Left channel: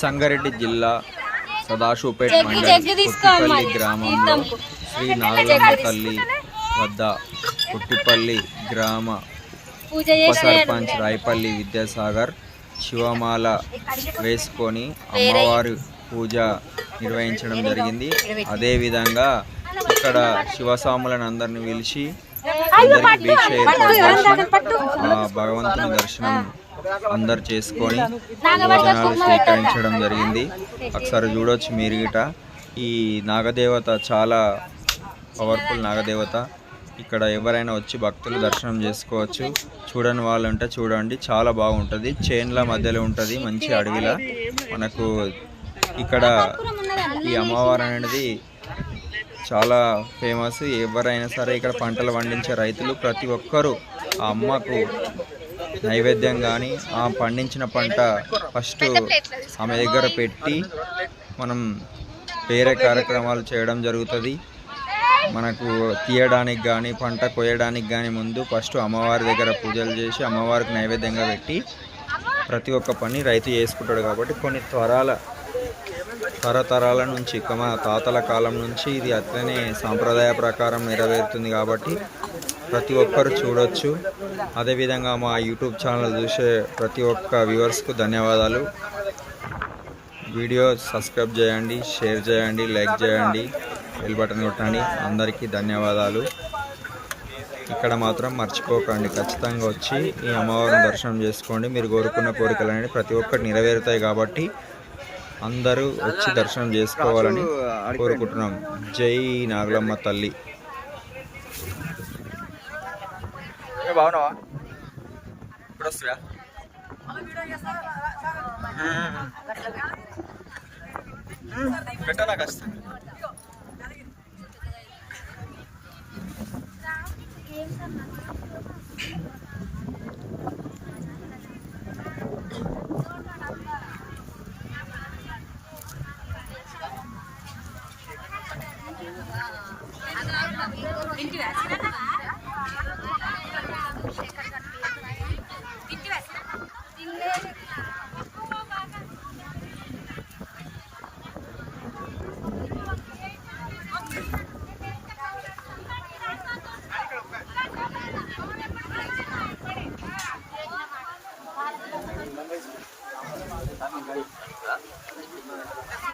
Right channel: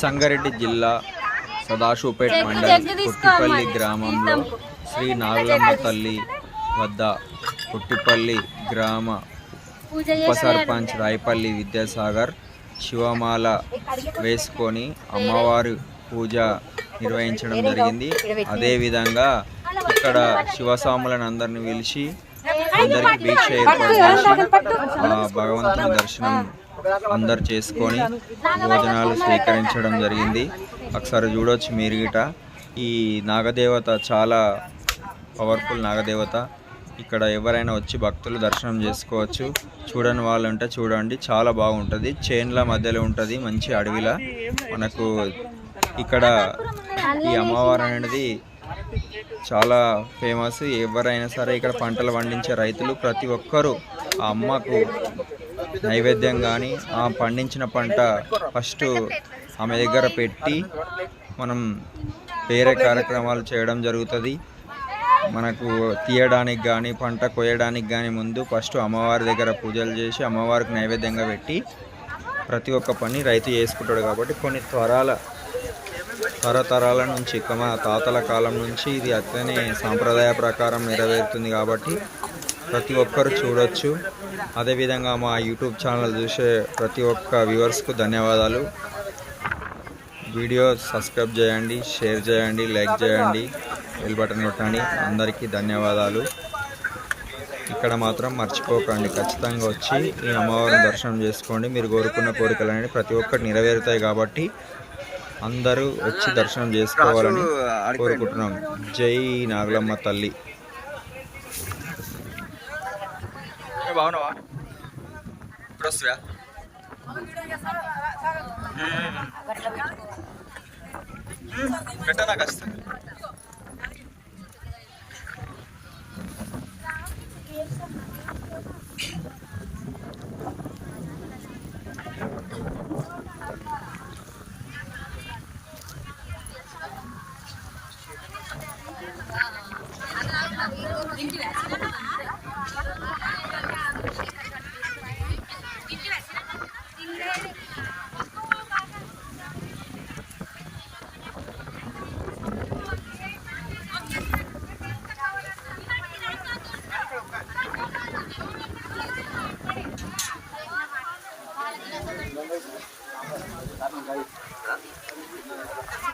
సంగారెడ్డి జిల్లా సదాశివపేట్ మండల్ పుట్టిపల్లి గ్రామంలో శ్రీ నాగులమ్మ తల్లి వద్ద పుట్టిపల్లి గ్రామ ఉప సర్పంచ్ రాయపల్లి విద్యాసాగర్ శివమాల వేసుకొని అమ్మవారి పూజ నిర్వహించడం జరిగింది. అదేవిధంగా ఇక్కడ శివస్వాములను అందరిని పిలిచి అందరికీ దీక్ష ఏర్పాటు చేసి ఆ భగవంతుని దర్శనం అందరు చేసుకొని భోజనాలు స్వీకరించడం జరిగింది. ఒకసారి చూడవచ్చు మీరు గిట. ఈ నాగదేవత చాలా పవర్ఫుల్ నాగదేవత. ఇక్కడ ఎవరైనా వచ్చి భక్తులు దర్శనం చేసుకోవచ్చు. చూడని వాళ్ళు ఉంటే చూడండి, చాలా బాగుంటుంది. చేన్ల మధ్యలో ఉంటుంది, మంచి అడవిలా. మనకు ఇక్కడ ఈ అమ్మవారు అనేది చాలా ఫేమస్. ఎవరైనా సరే ఇక్కడ పంటలు పండించే రైతులు ప్రతి ఒక్కరూ ఆ అమ్మకు నైవేద్యం కానీ ఆ పండించిన పంట ఫస్ట్ ఆమె దగ్గర పెట్టి మనం వేరే కార్యక్రమాలు చేయడం జరుగుతుంది. మనకు తీయడానికి కానీ పంట కోయడానికి కానీ ముందు ఫస్ట్ అమ్మవారి దగ్గర పూజలు చేసి అమ్మవారికి నైవేద్యంగా పెట్టి ప్రతి ఒక్క పని రైతు చేసుకుంటాడు. కాబట్టి కొన్ని తరతరాల నుంచి మన తాతల కాలం నుంచి ఇది అట్లనే సాంప్రదాయ ప్రకారం నెరవేరుతుంది. కాబట్టి ప్రతి ఒక్కరు చూడొచ్చు. అదేవిధంగా మా యూట్యూబ్ ఛానల్ చూసే ప్రతి ఒక్క వ్యూవర్స్కు ధన్యవాదాలు. వీడియో సబ్స్క్రైబ్ చేయండి, షేర్ చేయండి, లైక్ చేయండి, బెల్ బటన్ కొట్టండి. అందరికీ ధన్యవాదాలు. ఇక్కడ మాత్రం మర్చిపోకండి, ఖచ్చితంగా వచ్చి ఈ అమ్మవారిని దర్శనం చేసుకోండి. మీరు కోరుకున్న కోరికలు అనేవి ప్రతి ఒక్కటి నెరవేరుతాయి. కాబట్టి అందరూ వచ్చి దర్శనం చేసుకోవాలని కోరుకుంటున్నాం. జై నాగులమ్మ తల్లి. బాగున్నావా? ఇప్పుడు వస్తువా? పెట్టా నాకు వస్తుంది.